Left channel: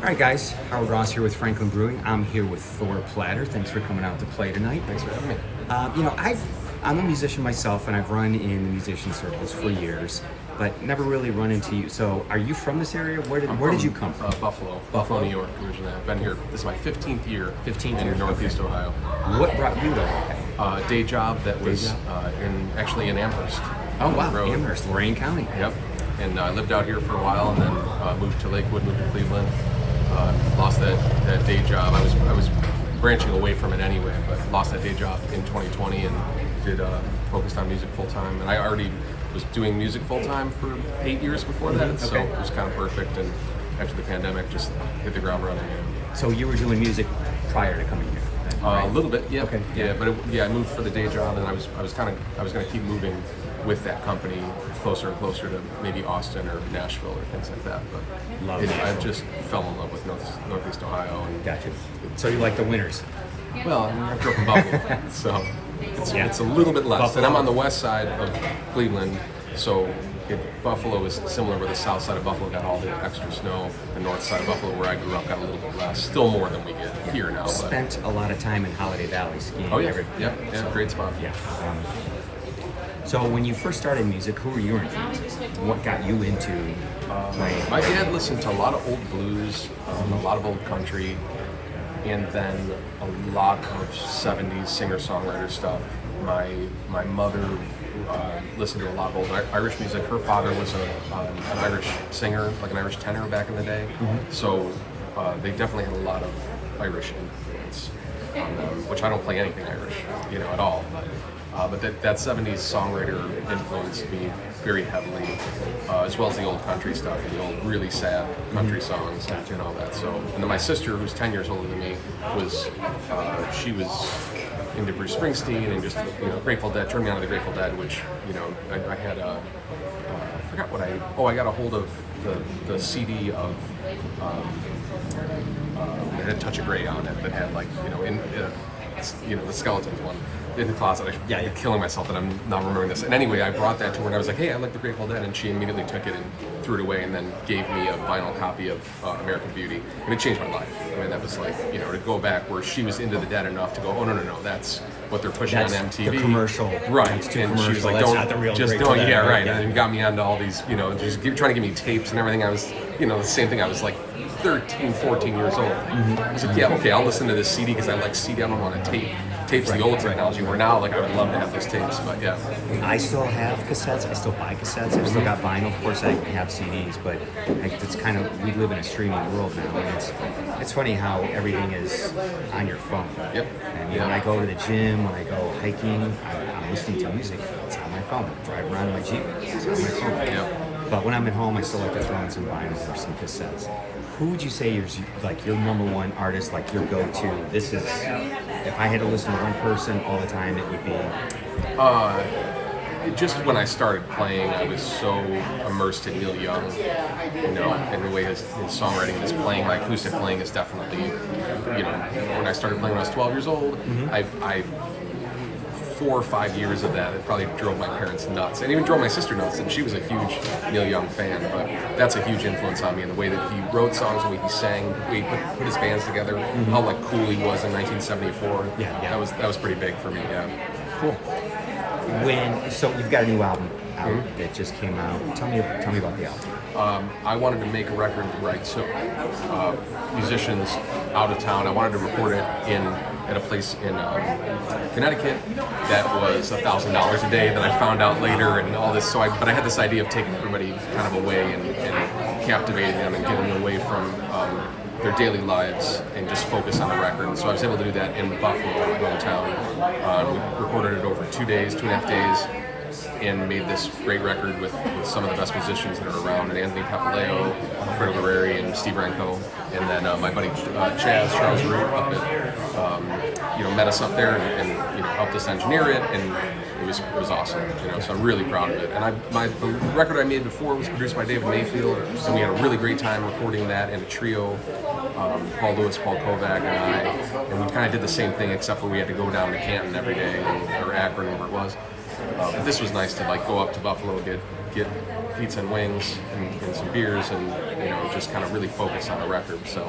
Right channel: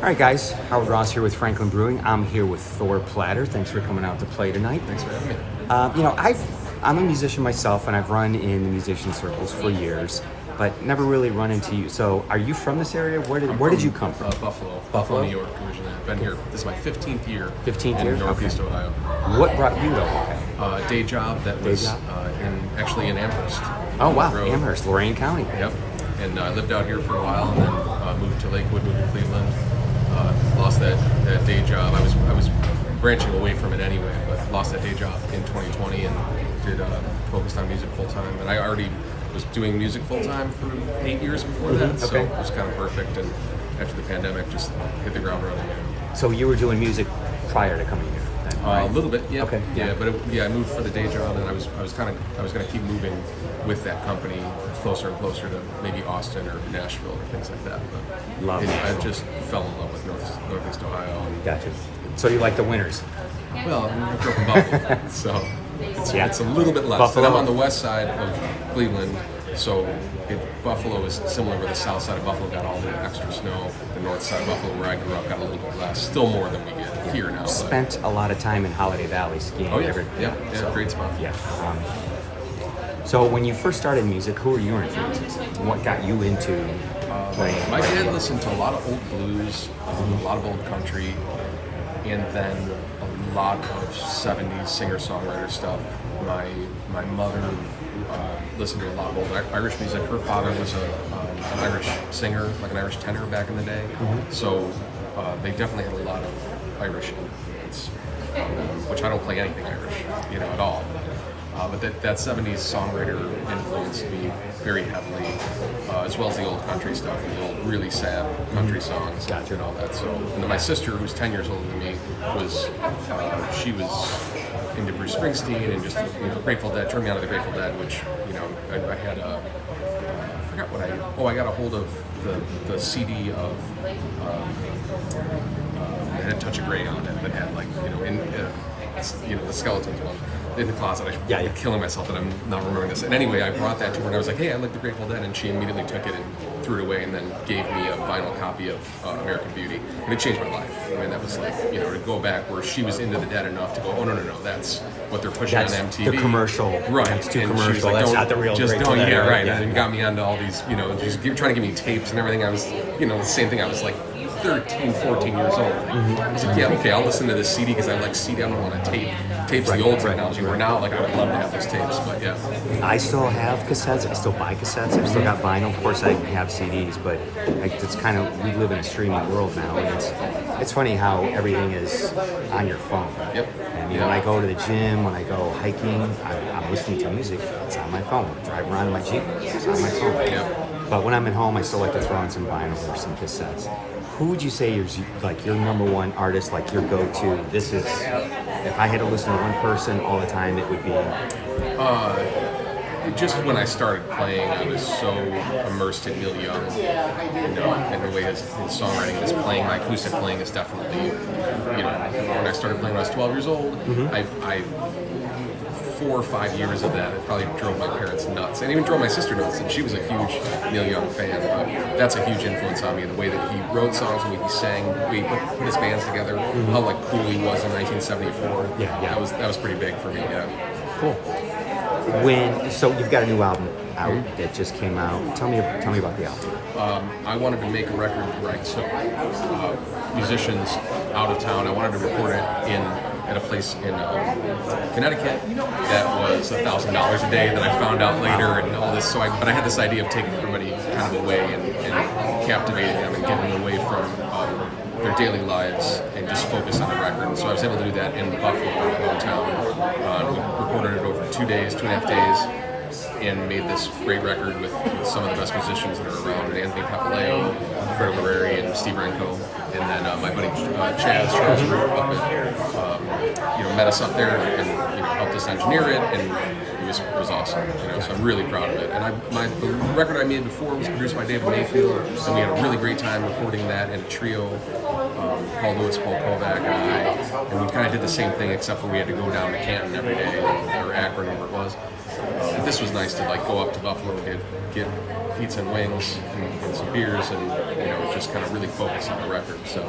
All right, guys. Howard Ross here with Franklin Brewing. I'm here with Thor Platter. Thanks for coming out to play tonight. Thanks for having me. I'm a musician myself, and I've run in the musician circles for years, but never really run into you. So, are you from this area? Where did you come from? Buffalo, New York originally. I've been here. This is my 15th year. 15th in year, Northeast okay. Ohio. What brought you to Ohio? Day job that was in Amherst. Oh wow, Road. Amherst, Lorain County. Yep. And I lived out here for a while, and then moved to Lakewood, moved to Cleveland. Lost that day job. I was branching away from it anyway, but lost that day job in 2020 and focused on music full time. And I already was doing music full time for 8 years before that, so it was kind of perfect. And after the pandemic, just hit the ground running. So you were doing music prior to coming here? Then, right? A little bit, yeah. Okay. Yeah, but I moved for the day job, and I was going to keep moving with that company closer and closer to maybe Austin or Nashville or things like that. But I just fell in love with Northeast Ohio. And Gotcha. So you like the winters? Well, I grew up in Buffalo, so it's a little bit less. Buffalo. And I'm on the west side of Cleveland, so Buffalo is similar where the south side of Buffalo got all the extra snow. The north side of Buffalo, where I grew up, got a little bit less. Still more than we get here now. Spent a lot of time in Holiday Valley skiing. Oh yeah, so, great spot. Yeah. So when you first started music, who were your influences? What got you into playing? My dad listened to a lot of old blues, a lot of old country, and then a lot of 70s singer-songwriter stuff. My mother listened to a lot of old Irish music. Her father was an Irish singer, like an Irish tenor back in the day. So they definitely had a lot of Irish influence on them, which I don't play anything Irish, at all. But that 70s songwriter influenced me very heavily, as well as the old country stuff and the old really sad country songs and all that. So, and then my sister, who's 10 years older than me, she was into Bruce Springsteen and just Grateful Dead. Turned me on to the Grateful Dead, which I had I forgot what I got a hold of the CD of. It had Touch of Grey on it that had the Skeletons one in the closet. I'm killing myself that I'm not remembering this. And anyway, I brought that to her and I was like, hey, I like the Grateful Dead, and she immediately took it and threw it away and then gave me a vinyl copy of American Beauty, and it changed my life. I mean, that was like, to go back where she was into the Dead enough to go, oh no, that's what they're pushing on MTV. The commercial. Right. It's too and commercial. She was like, that's not the real Grateful Dead. Yeah, right. And got me onto all these, just trying to give me tapes and everything. I was, the same thing. I was like 13, 14 years old. I was like, yeah, okay, I'll listen to this CD because I like CD. I don't want to tapes the old technology. Where now, like, I would love to have those tapes, but yeah. I still have cassettes. I still buy cassettes. I still got vinyl. Of course, I have CDs, but it's kind of, we live in a streaming world now, and it's funny how everything is on your phone. Yep. And when I go to the gym, when I go hiking, I'm listening to music. It's on my phone. Driving around in my Jeep, it's on my phone. Yep. But when I'm at home, I still like to throw in some vinyl or some cassettes. Who would you say is like your number one artist, like your go-to? This is, if I had to listen to one person all the time, it would be. Just when I started playing, I was so immersed in Neil Young, and the way his songwriting and his playing, my acoustic playing is definitely, when I started playing when I was 12 years old, I 4 or 5 years of that, it probably drove my parents nuts, and even drove my sister nuts, and she was a huge Neil Young fan. But that's a huge influence on me, in the way that he wrote songs, the way he sang, the way he put his bands together, how cool he was in 1974. Yeah. That was pretty big for me. Yeah. Cool. So you've got a new album out that just came out. Tell me about the album. I wanted to make a record where I took musicians out of town. I wanted to record it at a place in Connecticut that was $1,000 a day that I found out later, and all this. But I had this idea of taking everybody kind of away and captivating them and getting them away from their daily lives and just focus on the record. And so I was able to do that in Buffalo, my hometown. We recorded it over 2 days, 2.5 days, and made this great record with some of the best musicians that are around, and Anthony Papaleo, Alfredo Guerreri, and Steve Renko, and then my buddy Charles Root up at, met us up there and helped us engineer it, and it was awesome. So I'm really proud of it. And the record I made before was produced by David Mayfield, and we had a really great time recording that in a trio. Paul Lewis, Paul Kovac, and we kind of did the same thing, except for we had to go down to Canton every day, or Akron, wherever it was. This was nice to go up to Buffalo, get pizza and wings and some beers, and just kind of really focus on the record. So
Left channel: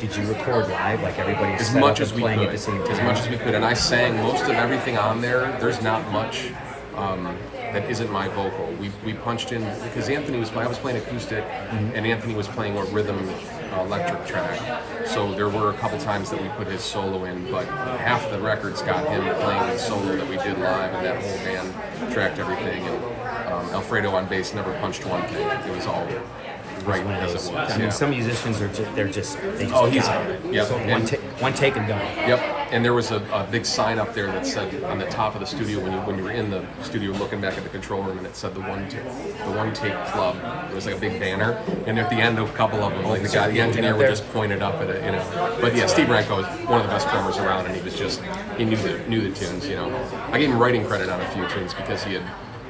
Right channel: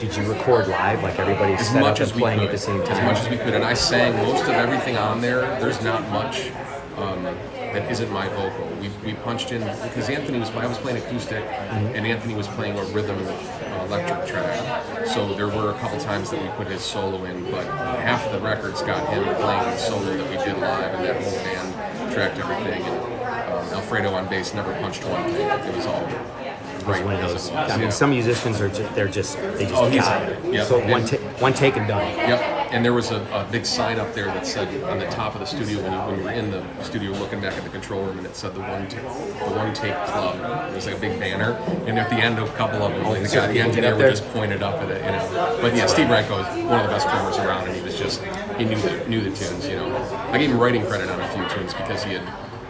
Did you record live, like everybody's as set much up as and we playing could, at the same time? as much as we could, and I sang most of everything on there. There's not much that isn't my vocal. We punched in because I was playing acoustic, and Anthony was playing a rhythm electric track. So there were a couple times that we put his solo in, but half the records got him playing the solo that we did live, and that whole band tracked everything. And Alfredo on bass never punched one thing. It was all right One of as those. it was. I mean, yeah. some musicians are just they just Oh, he's- got it. yep. So And- one take and done. Yep, and there was a big sign up there that said on the top of the studio when you were in the studio looking back at the control room, and it said the one take club. It was like a big banner, and at the end of a couple of them, like the so guy, the you ended engineer up would there? just pointed up at it, But yeah, Steve Ranko is one of the best drummers around, and he knew the tunes. I gave him writing credit on a few tunes because he had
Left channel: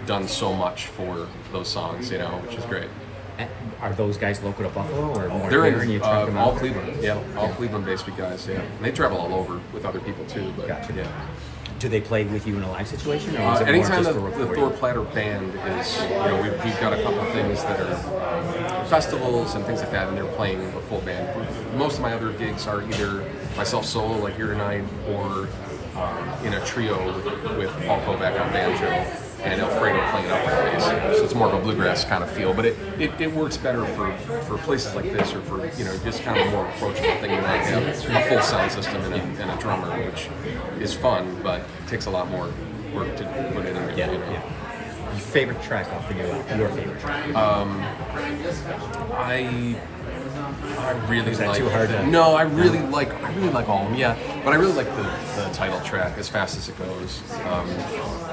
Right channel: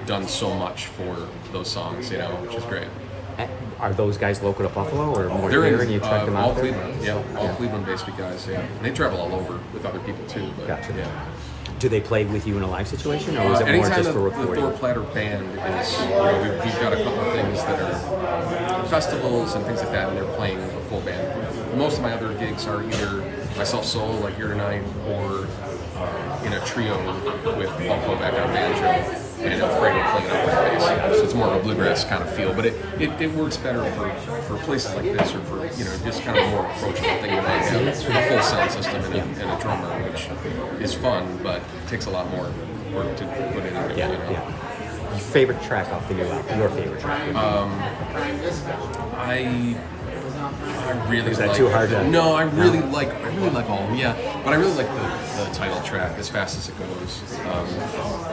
done so much for those songs, which is great. Are those guys local to Buffalo or more They're here and you in track them all out there? Cleveland, all Cleveland-based guys, yeah. And they travel all over with other people too, but Gotcha. yeah. Do they play with you in a live situation, or is it more Anytime just the for Thor recording? Platter band is, we've got a couple of things that are festivals and things like that, and they're playing a full band. Most of my other gigs are either myself solo, like here tonight, or in a trio with Paul Kovac on banjo and Alfredo playing upright bass. So it's more of a bluegrass kind of feel, but it works better for places like this, or for just kind of more approachable thing than I have a full sound system and a drummer, which is fun, but takes a lot more work to put in. Favorite track? I'll figure it out. Your favorite track? I really Is that like. too hard to- No, I really like all of them. Yeah, but I really like the title track, As Fast as It Goes.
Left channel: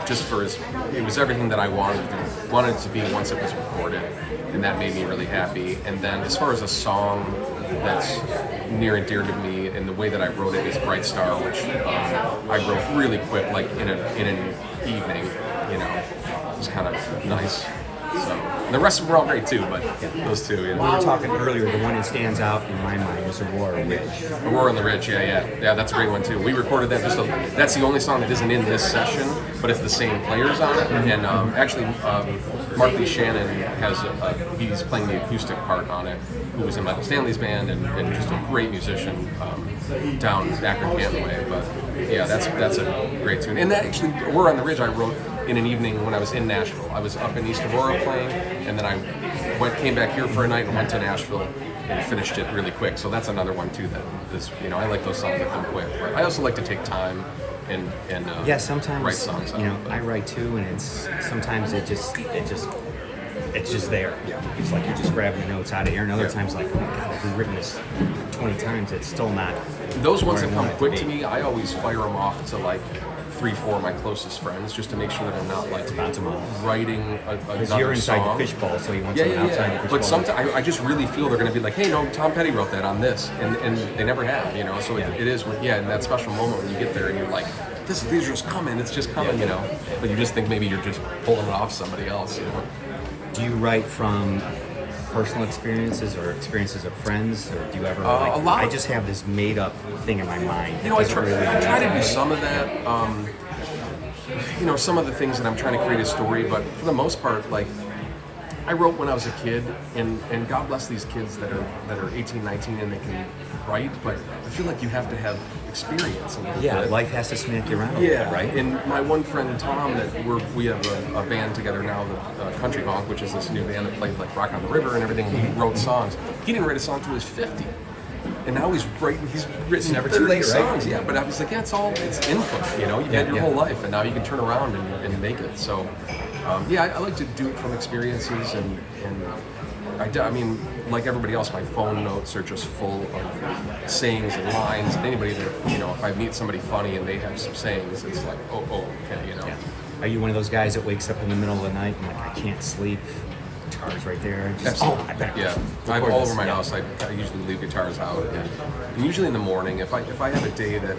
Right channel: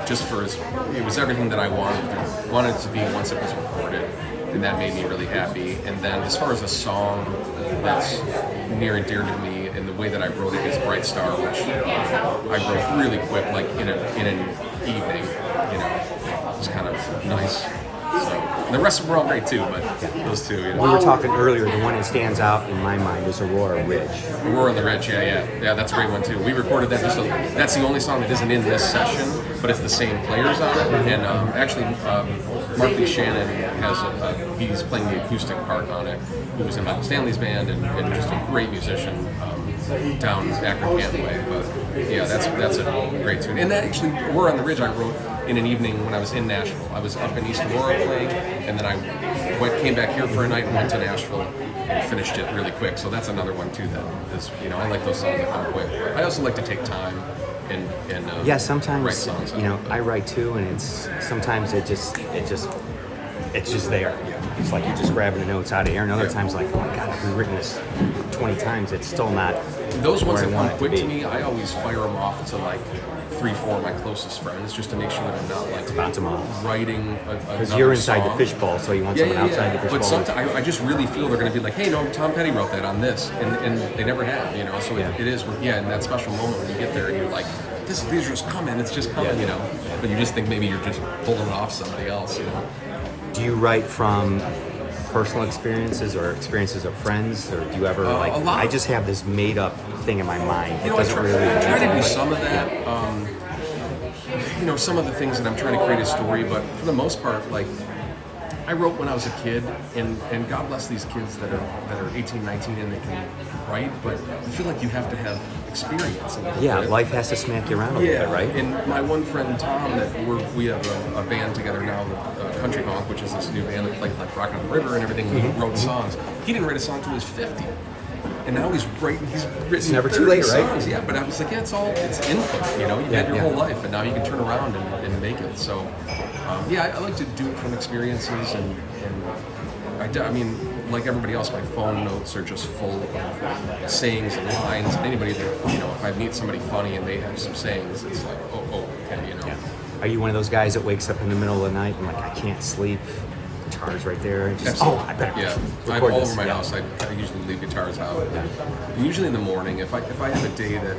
Just for it was everything that I wanted it to be once it was recorded, and that made me really happy. And then as far as a song that's near and dear to me, and the way that I wrote it is Bright Star, which I wrote really quick, like in an evening. It was kind of nice. So, and the rest of them were all great too, but those two, We were talking earlier. The one that stands out in my mind is Aurora Ridge. Aurora on the Ridge, yeah, that's a great one too. We recorded that. That's the only song that isn't in this session, but it's the same players on it. And actually, Mark Lee Shannon he's playing the acoustic part on it. Who was in Michael Stanley's band and just a great musician down Akron Canton way. But yeah, that's a great tune. And that actually, Aurora on the Ridge, I wrote in an evening when I was in Nashville. I was up in East Aurora playing, and then I came back here for a night and went to Nashville and finished it really quick. So that's another one too that is, I like those songs that come quick. But I also like to take time and Sometimes write songs. I write too, and sometimes it's just there. Yeah. It's like you're just grabbing the notes out of here, and other times like, oh my god, I've rewritten this 20 times. It's still not. Those ones where that I come want it to quick be. to me, I always fire them off to like 3-4 of my closest friends, just to make sure that I'm not like bounce 'em off. writing Because another you're inside song. the fishbowl, so you want someone outside the fishbowl. But sometimes I just really feel they're going to be like, hey, no, Tom Petty wrote that on this, and they never have, So it is, in that special moment when you get there and you're like, these are just coming, it's just coming, But you just think maybe you're just pulling it off somebody else, Do you write from personal experiences or experiences of friends, or do you ever? A lot. I just have this made-up thing in my mind. It I doesn't try, really I try to do but- some of that. Some of the things that I'm trying to create a story, but for the most part, like I wrote when I was a kid, and God bless these kids that are 18, 19, and they can write. But I feel like you have to have experience. A little bit. life has to smack you around a little bit, right? And my one friend Tom, that we have a band together now, the Country Honk, which is this new band that played like Rock on the River and everything. We wrote songs. He didn't write a song until he was 50. And now he's written never too 30 late, right? songs. Yeah, but I was like, it's input, you've had your whole life, and now you can turn around and make it. So, I like to do it from experiences, and I mean, like everybody else, my phone notes are just full of sayings and lines, and anybody that, if I meet somebody funny and they have some sayings, it's like, okay. Are you one of those guys that wakes up in the middle of the night and like, I can't sleep? Guitars right there. And just, I bet. Yeah, I have all over my house. I usually leave guitars out. And usually in the morning, if I have a day that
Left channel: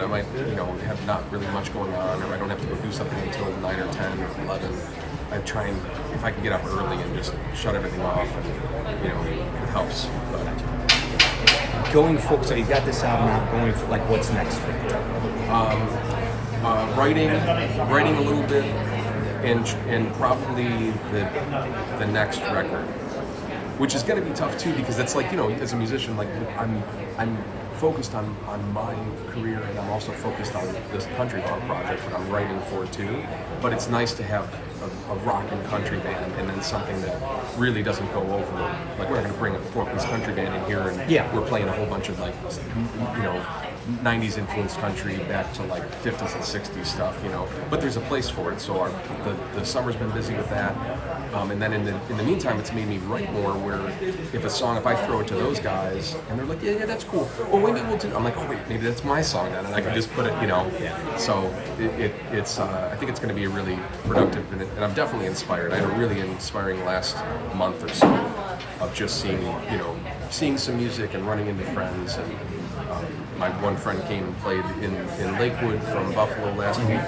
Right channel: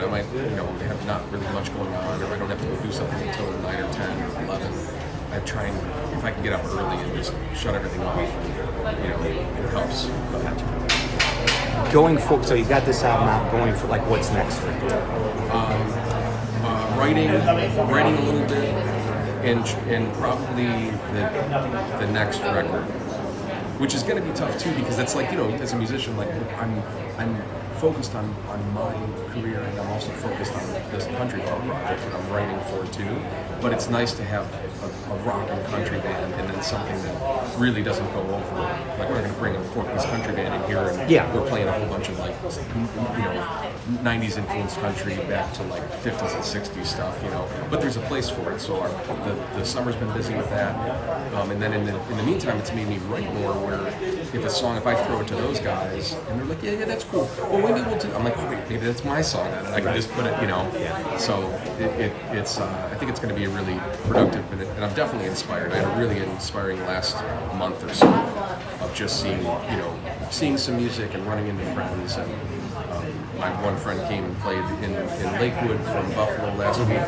I might have not really much going on, or I don't have to go do something until 9 or 10 or 11, I try and, if I can get up early and just shut everything off, and it helps. But, Going forward, so you got this album out. Going for like, what's next for you? writing a little bit, and probably the next record. which is going to be tough too, because it's like, you know, as a musician, like I'm focused on my career, and I'm also focused on this country club project that I'm writing for too. But it's nice to have a rock and country band, and then something that really doesn't go over. Like, we're not going to bring a 4-piece country band in here, and we're playing a whole bunch of, like, you know, 90s influenced country back to like 50s and 60s stuff, you know. But there's a place for it. So the summer's been busy with that, and then in the meantime, it's made me write more. Where if I throw it to those guys, and they're like, yeah, that's cool. Well, maybe we'll do. I'm like, oh wait, maybe that's my song then, and I can just put it, you know. So it's I think it's going to be a really productive, and I'm definitely inspired. I had a really inspiring last month or so of just seeing some music and running into friends. And my one friend came and played in Lakewood from Buffalo last week,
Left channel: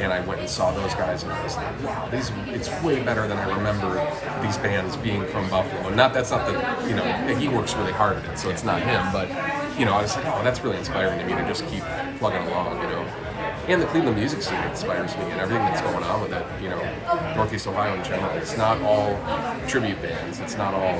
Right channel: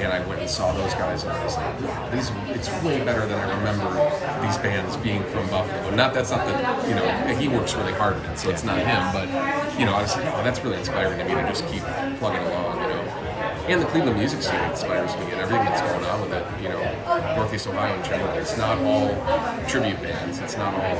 and I went and saw those guys, and I was like, wow, it's way better than I remember these bands being from Buffalo. And that's not the, you know, he works really hard at it, so it's not him, but, you know, I was like, oh, that's really inspiring to me to just keep plugging along, you know. And the Cleveland music scene inspires me, and everything that's going on with it, you know, Northeast Ohio in general. It's not all tribute bands, it's not all...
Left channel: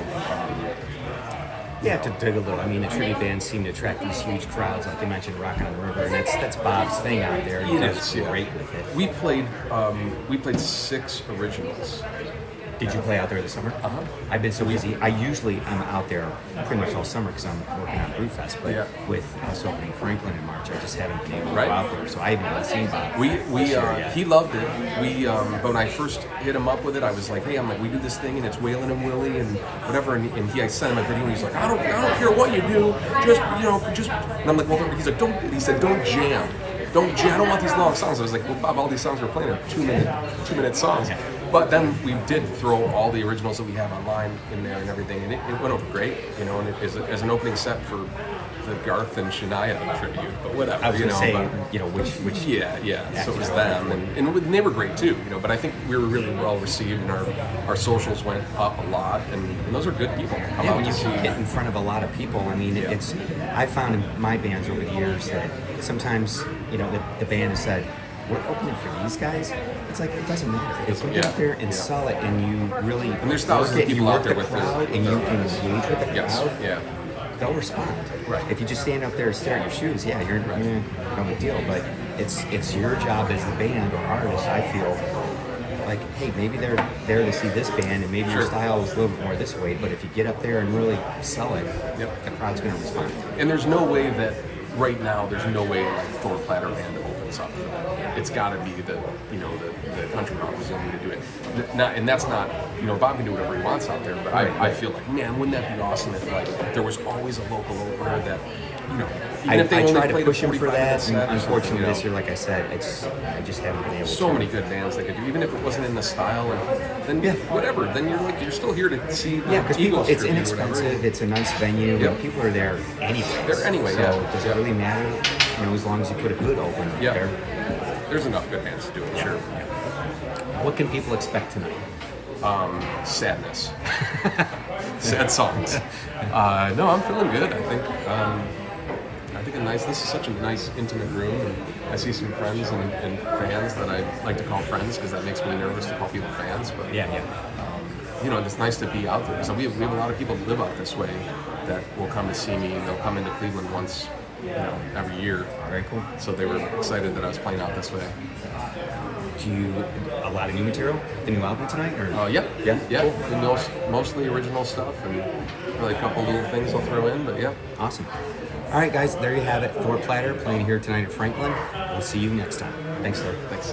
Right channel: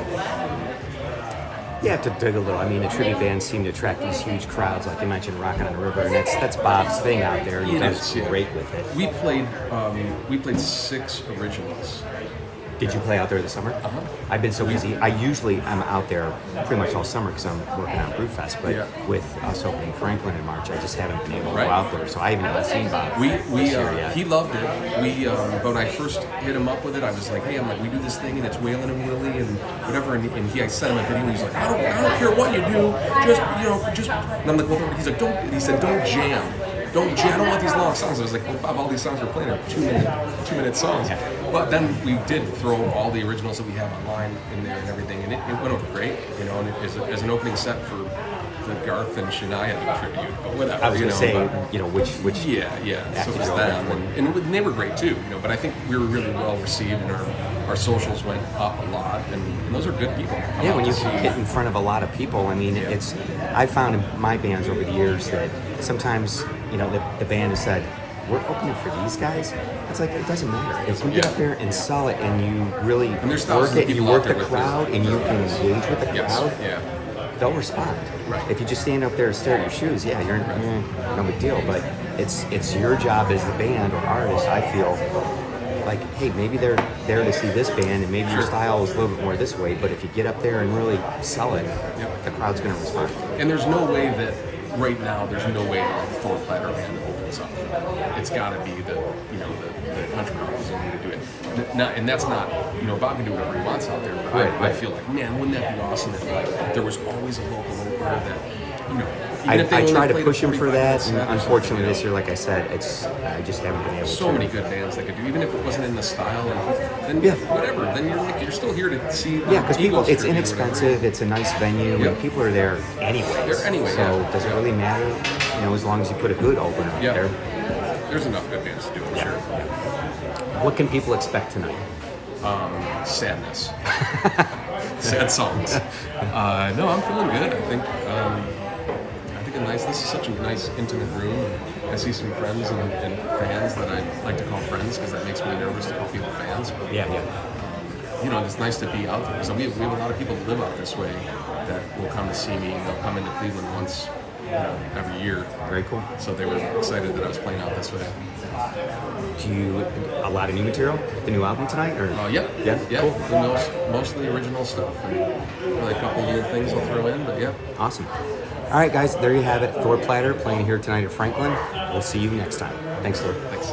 You have to dig a little. I mean, the tribute bands seem to attract these huge crowds, like you mentioned, Rock on the River, and that's Bob's thing out there. And he's great with it. We played 6 originals. Did you play out there this summer? I've been so busy. I'm out there pretty much all summer because I'm working on Brewfest, but with us opening Franklin in March, I just haven't been able to go out there, so I haven't even seen Bob. He loved it. But when I first hit him up with it, I was like, hey, we do this thing, and it's Waylon and Willie and whatever, and I sent him a video, and he's like, I don't care what you do, just, and I'm like, well, he's like, don't jam. I don't want these long songs. I was like, well, Bob, all these songs we're playing are 2-minute songs. But then we did throw all the originals that we have online in there and everything, and it went over great, you know, and as an opening set for the Garth and Shania tribute, but whatever. I was going to say, which yeah. So it was them, and they were great too, you know. But I think we were really well received, and our socials went up a lot, and those are good people to come out when you to see. get in front of a lot of people, I mean, I found in my bands over the years that sometimes, you know, the band has said, we're opening for these guys. It's like, it doesn't matter. If you get up there and sell it, and you really work the crowd, and you can engage with the crowd, they'll respond. Right. If you just stand up there and stare at your shoes, you're no big deal. But it's your job as the band or artist, I feel, like, hey, maybe they're there to see this band, and maybe your style is a little bit more this way, but if you get up there and really sell it, the crowd's going to respond. And there's no way that right now, there's no way like Thor Platter band opens up for them. It's got to be the country rock representative to do it. And that's not, you know, Bob can do whatever he wants out there, but I feel like, man, wouldn't that be awesome if like there was always a local opener that, you know, even if they I only try to played push him for that, set, and unfortunately you know, this year, like I said, I just haven't been able to. So many good bands that could do, even if it wasn't in the style, then whatever. Then you're still here to see. Because it's inexpensive. It's a nice venue, and people are there anyway. So does it really matter? You know, as long as you put a good opener there. There's enough good bands to do it. Sure. What can people expect tonight? Sadness. Sad songs. No, I'm feeling good. I think this is such a nice, intimate room. And I see some friends and fans that I like to call friends because that makes me nervous to call people fans. But you know, it's nice to be out there. So we have a lot of people that live out this way that will come to see me. They'll come into Cleveland once, you know, every year. Very cool. So they were excited that I was playing out this way. Do you a lot of new material? The new album tonight? Or? Yeah. Cool. Mostly original stuff, and probably a couple little things I'll throw in, but Awesome. All right, guys, there you have it. Thor Platter playing here tonight at Franklin. We'll see you next time. Thanks, Thor. Thanks.